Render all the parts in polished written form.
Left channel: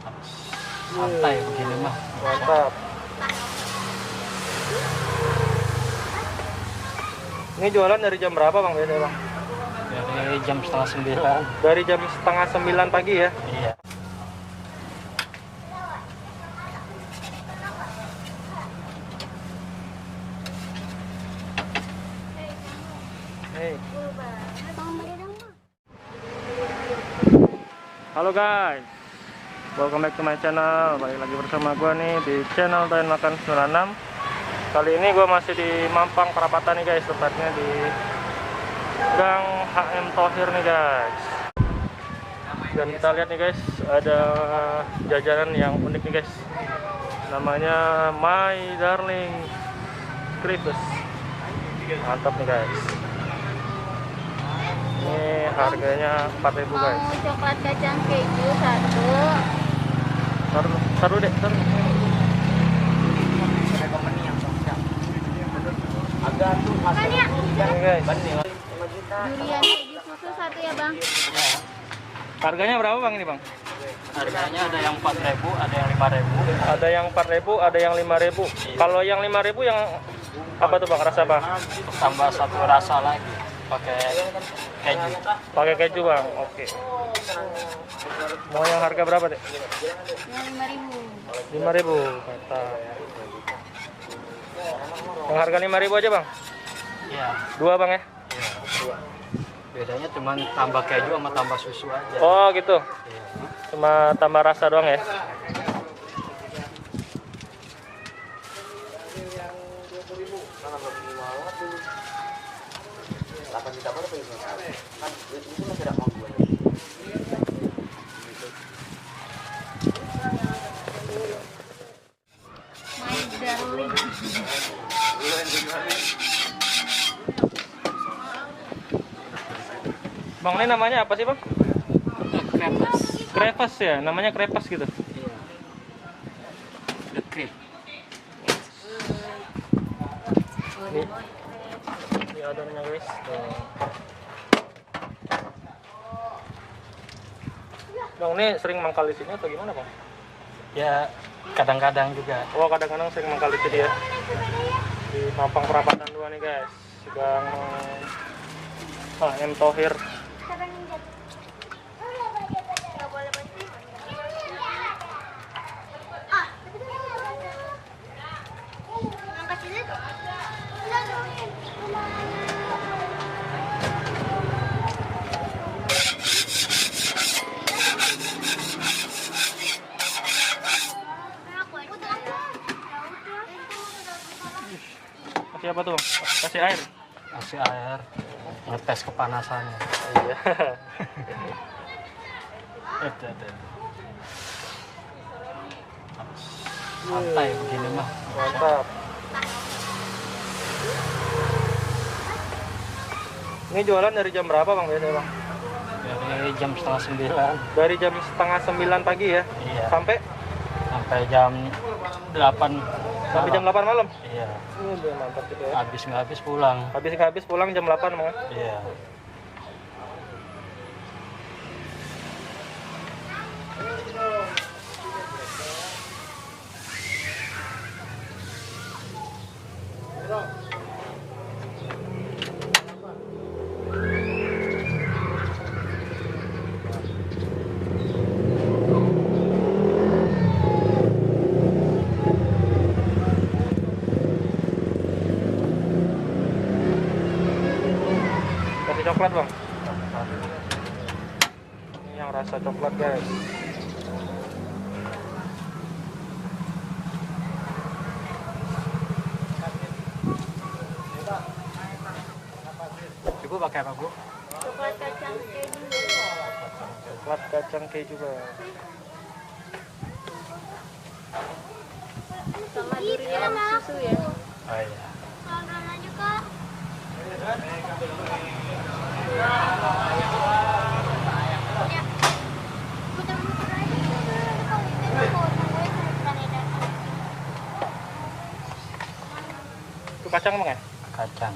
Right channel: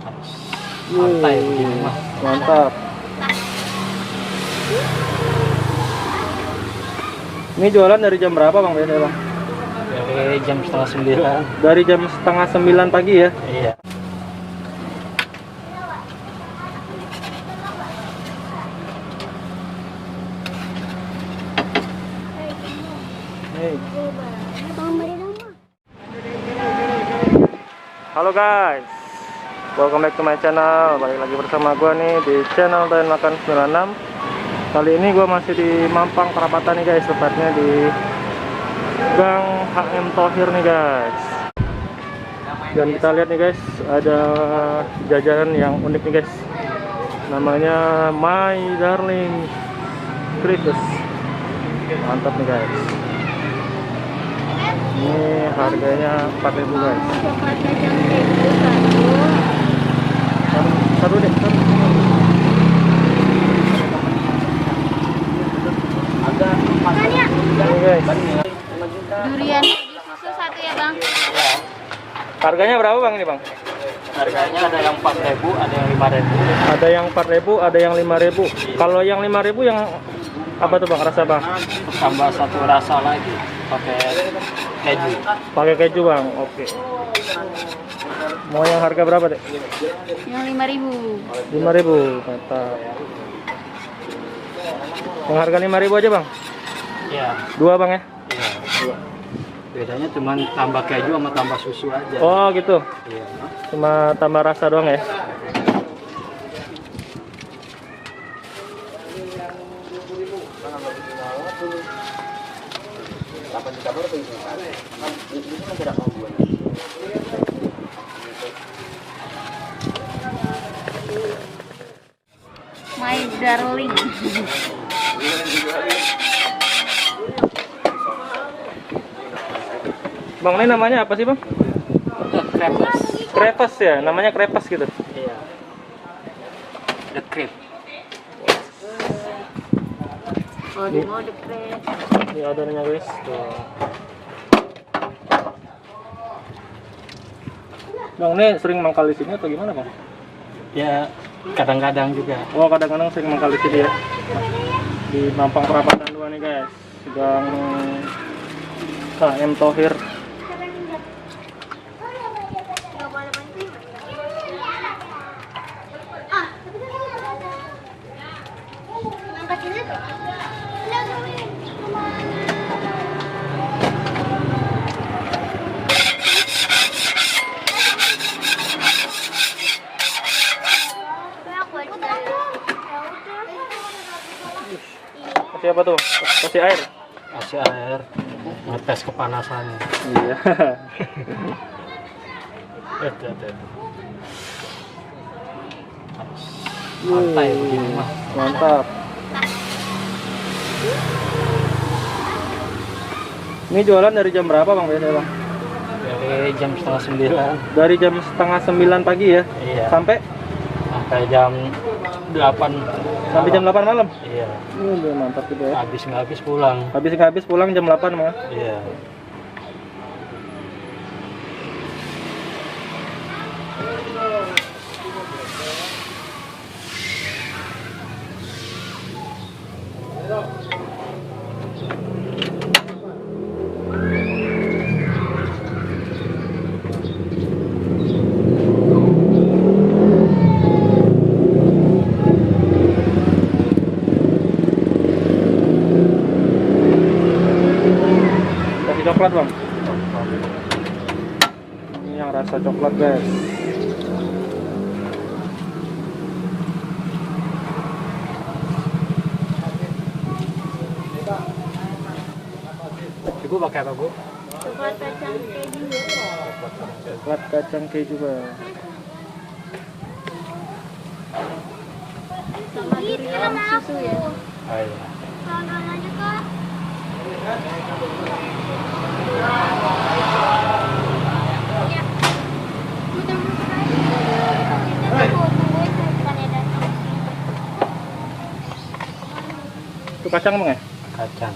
Santai, mantap. Ini jualan dari jam berapa bang biasanya bang? dari jam setengah 9. Dari jam setengah 9 pagi ya? Iya. Hey. Halo guys, welcome back to my channel. Balik lagi bersama gua nih di channel Doyan Makan 96. Kali ini gua masih di Mampang Perapatan nih guys, tepatnya di Gang HM Thohir nih guys. Dan kita lihat nih guys, ada jajanan yang unik nih guys. Namanya My Darling Crepes. Mantap nih guys. Ini harganya 4.000 guys. Taruh deh, taruh. Ini guys. Durian susu satu ya bang. Ya. Harganya berapa bang ini bang? Harganya ada yang 4.000, ada yang 5.000. Ada yang 4.000, ada yang 5.000. Kalau yang 5.000 yang apa tuh bang? Rasa bang? Tambah satu rasa lagi pakai keju. Pakai keju bang. Oke. Mau yang harga berapa deh? Yang 5.000. 5.000. Mantap. Yang harga 5.000 aja bang? Iya. Dua bang ya? Iya. Bedanya cuma tambah keju sama tambah susu aja. Oh gitu. Iya. Cuma tambah rasa doang ya? My Darling. Bang, ini namanya apa sih bang? Crepes. Crepes ya? Namanya crepes gitu? Iya. The crepe. Ini adonannya guys. Tuh. Bang, ini sering mangkal di sini atau gimana bang? Ya kadang-kadang juga. Oh, kadang-kadang sering mangkal di sini ya. Di Mampang Perapatan 2 nih guys. Gang HM Thohir. Kasih apa tuh? Kasih air? Kasih air, ngetes kepanasannya. Iya. Itu. Santai begini mah. Mantap. Ini jualan dari jam berapa bang biasanya bang? Dari jam setengah 9. Dari jam setengah 9 pagi ya? Iya. Sampai jam 8. sampai jam 8 malam? Iya. Udah mantap gitu ya. Habis nggak habis pulang. Habis nggak habis pulang jam 8 bang? Iya. Kasih coklat bang? Ini yang rasa coklat guys. Ibu pakai apa bu? Coklat kacang keju. Coklat kacang keju bang. Sama durian susu ya. Oh iya. aja kak. Muter-muter aja dulu. Tungguin sebentar ya datang. Itu kacang bang ya? Kacang.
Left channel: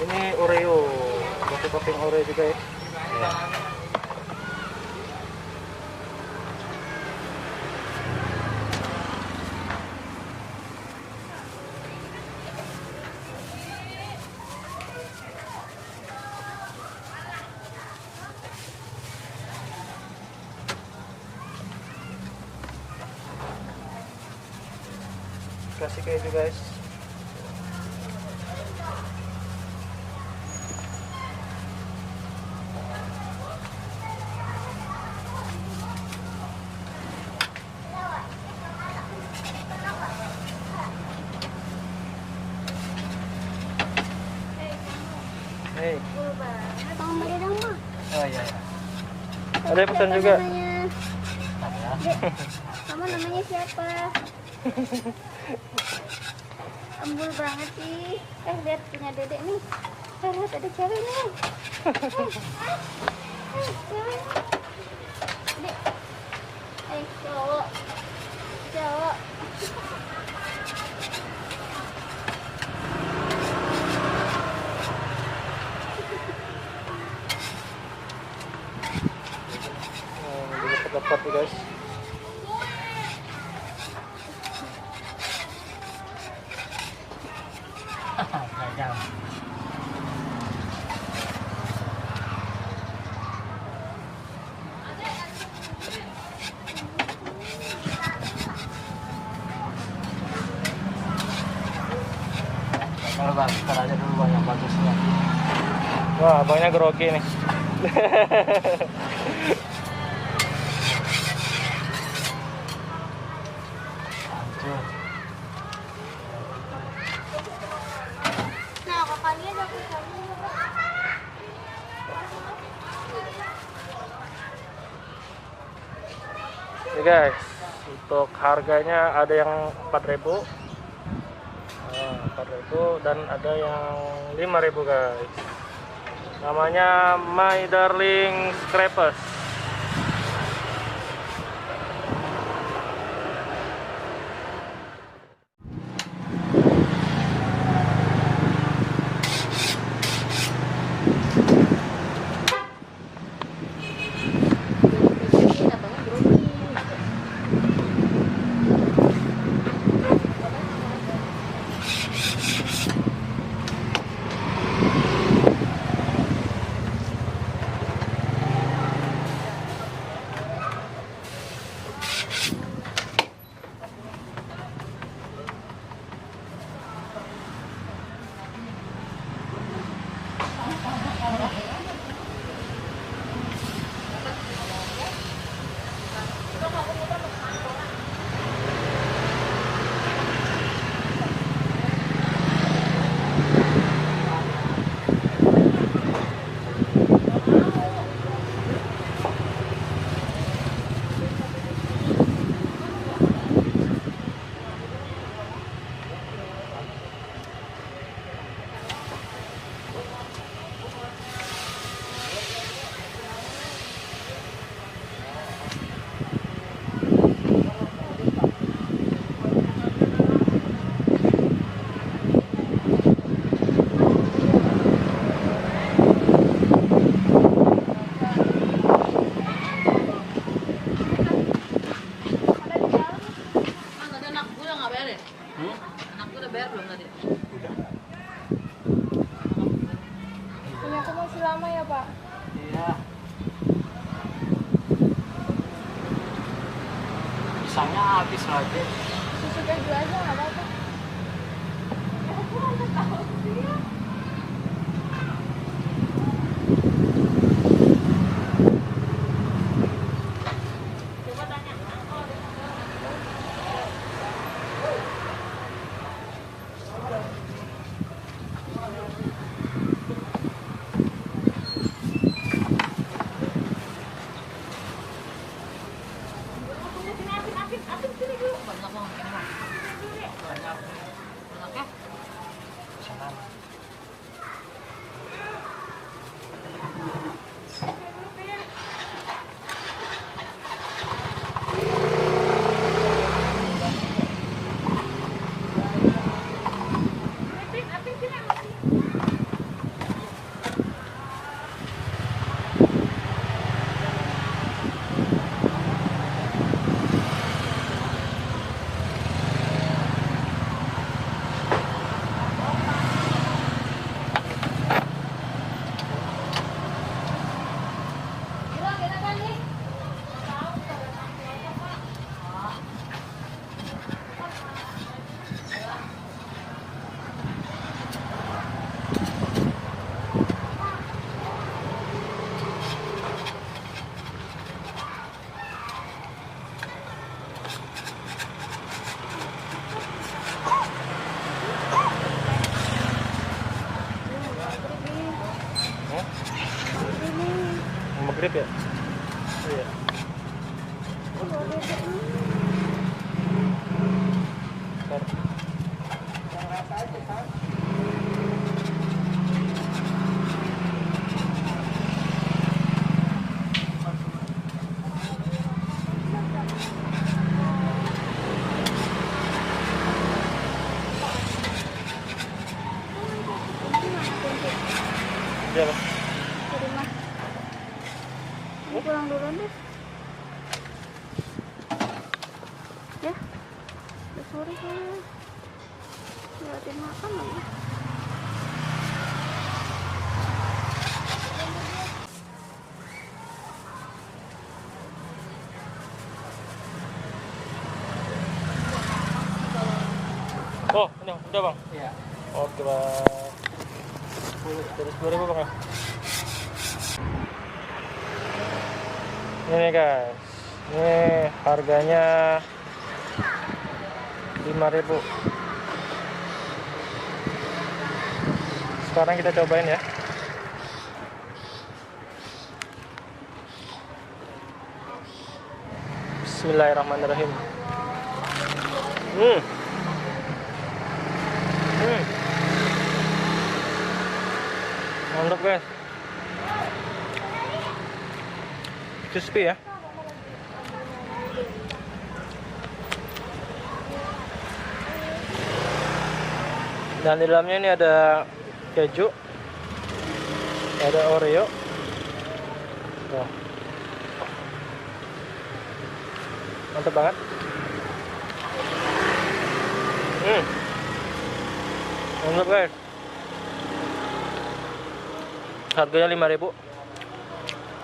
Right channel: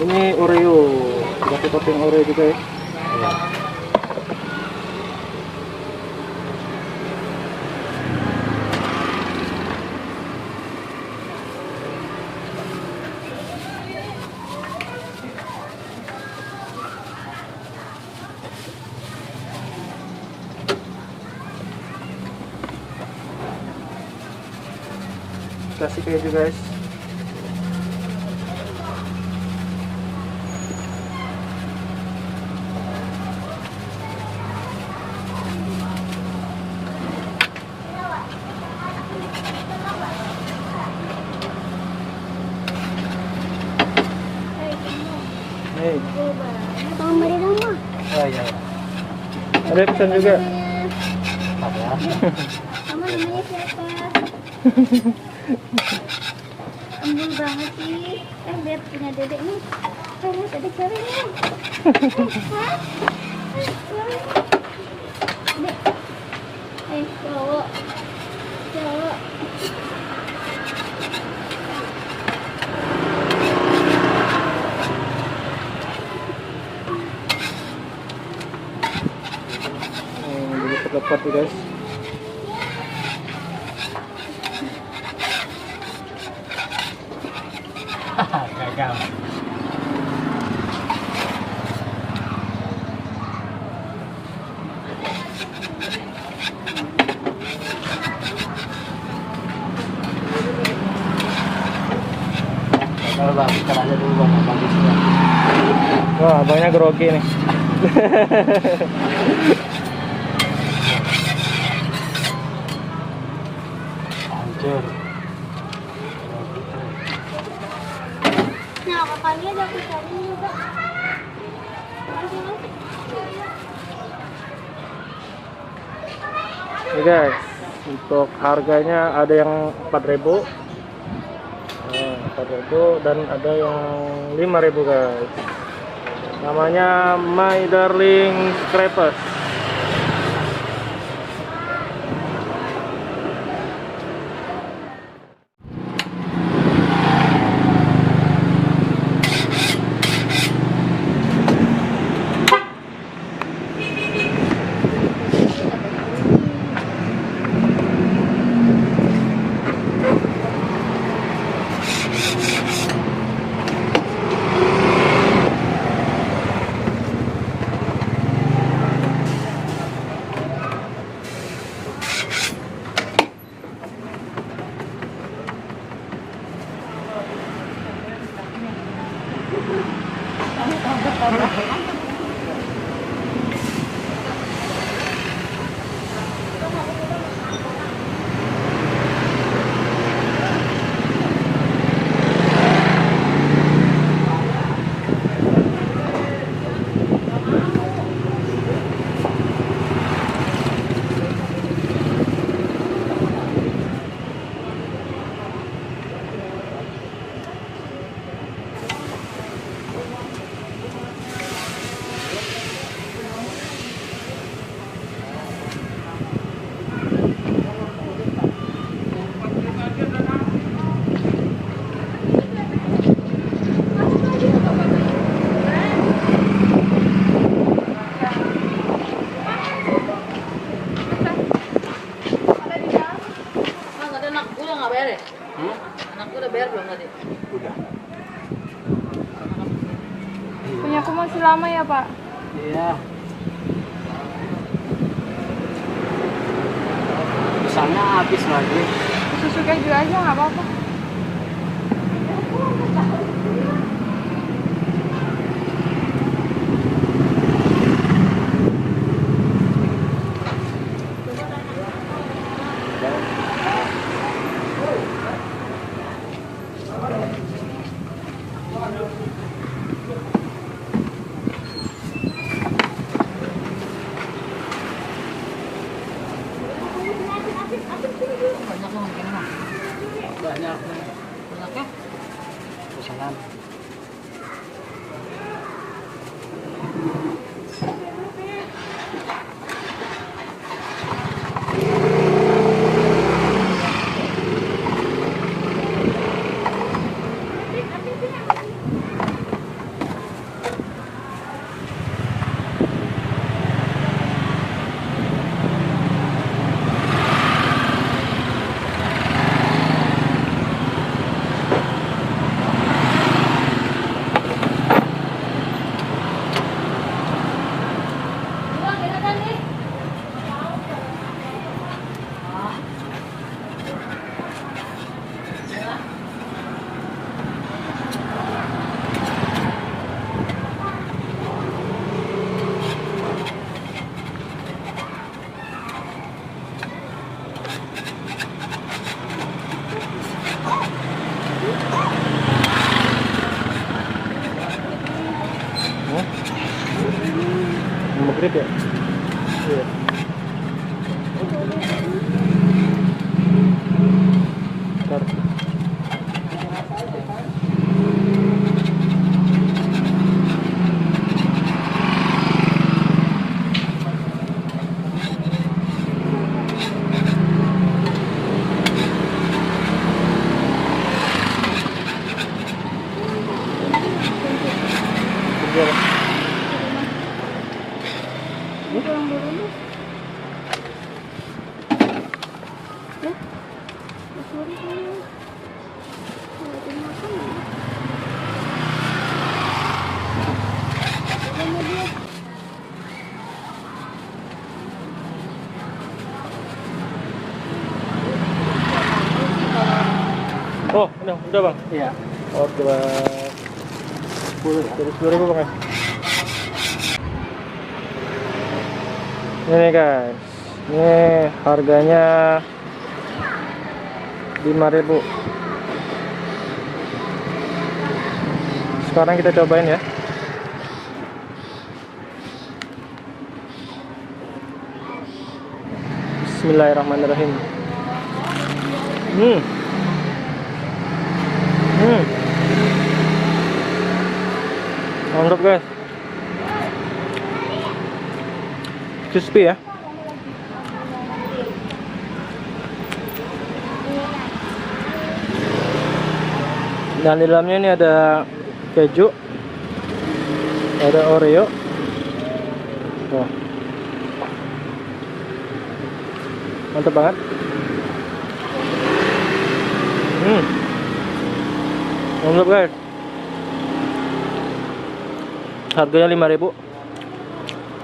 Ini Oreo, kasih topping Oreo juga ya. Iya. Kasih keju guys. Hey, Bang beri nama. Oh iya ya. ada pesan juga. Ada. Kamu namanya siapa? Embul banget sih. Kan biar punya dedek nih. Kamu dedek cari nih. Dek. Cowok. Cowok. Lepat nih guys. Gagal. Gagal bang, sekarang aja dulu bang, yang bagusnya. Wah, abangnya grogi nih. Hancur. Nah, kakaknya ada aku cari juga. Nih guys, untuk harganya ada yang 4.000, 4.000 dan ada yang 5.000 guys. Namanya My Darling Scrapers. Udah bayar belum tadi? Udah. Punya aku masih lama ya Pak? Iya. Pisangnya habis lagi. Susu keju aja nggak apa-apa. Banyak loh mungkin mah. Banyak. Hmm? Maghrib ya? Iya. Bentar. Kerja apa? Pulang dulu deh. Sorry sayang. Mau makan ya? Sama dia. Oh, udah bang. Iya. Oke bang. 10.000 bang ya. Ini nih guys, ini harganya 5.000. Sekarang kita cobain ya. Bismillahirrahmanirrahim. Mantap guys. Crispy ya. Dan di dalamnya ini ada keju, ada Oreo. Wah, mantap banget. Mantap guys. Harganya 5.000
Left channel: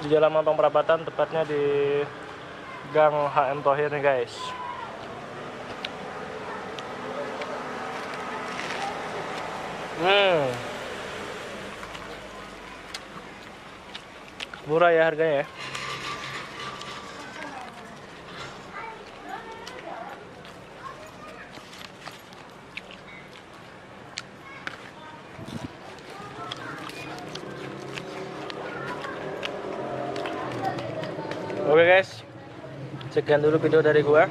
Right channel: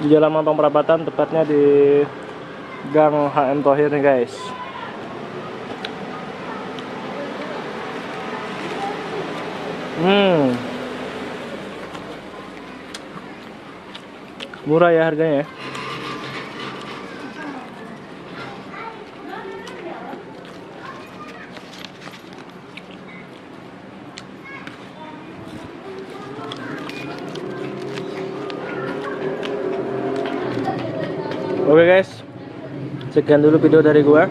di Jalan Mampang Perapatan, tepatnya di Gang HM Thohir nih guys. Murah ya harganya ya. Oke guys, sekian dulu video dari gua.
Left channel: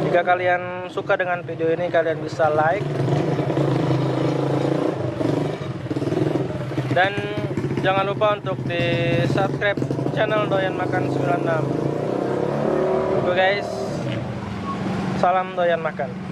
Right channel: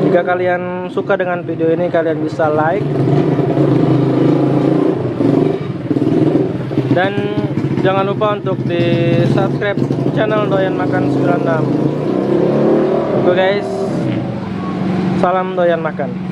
Jika kalian suka dengan video ini, kalian bisa like dan jangan lupa untuk di subscribe channel Doyan Makan 96. Oke guys, salam doyan makan.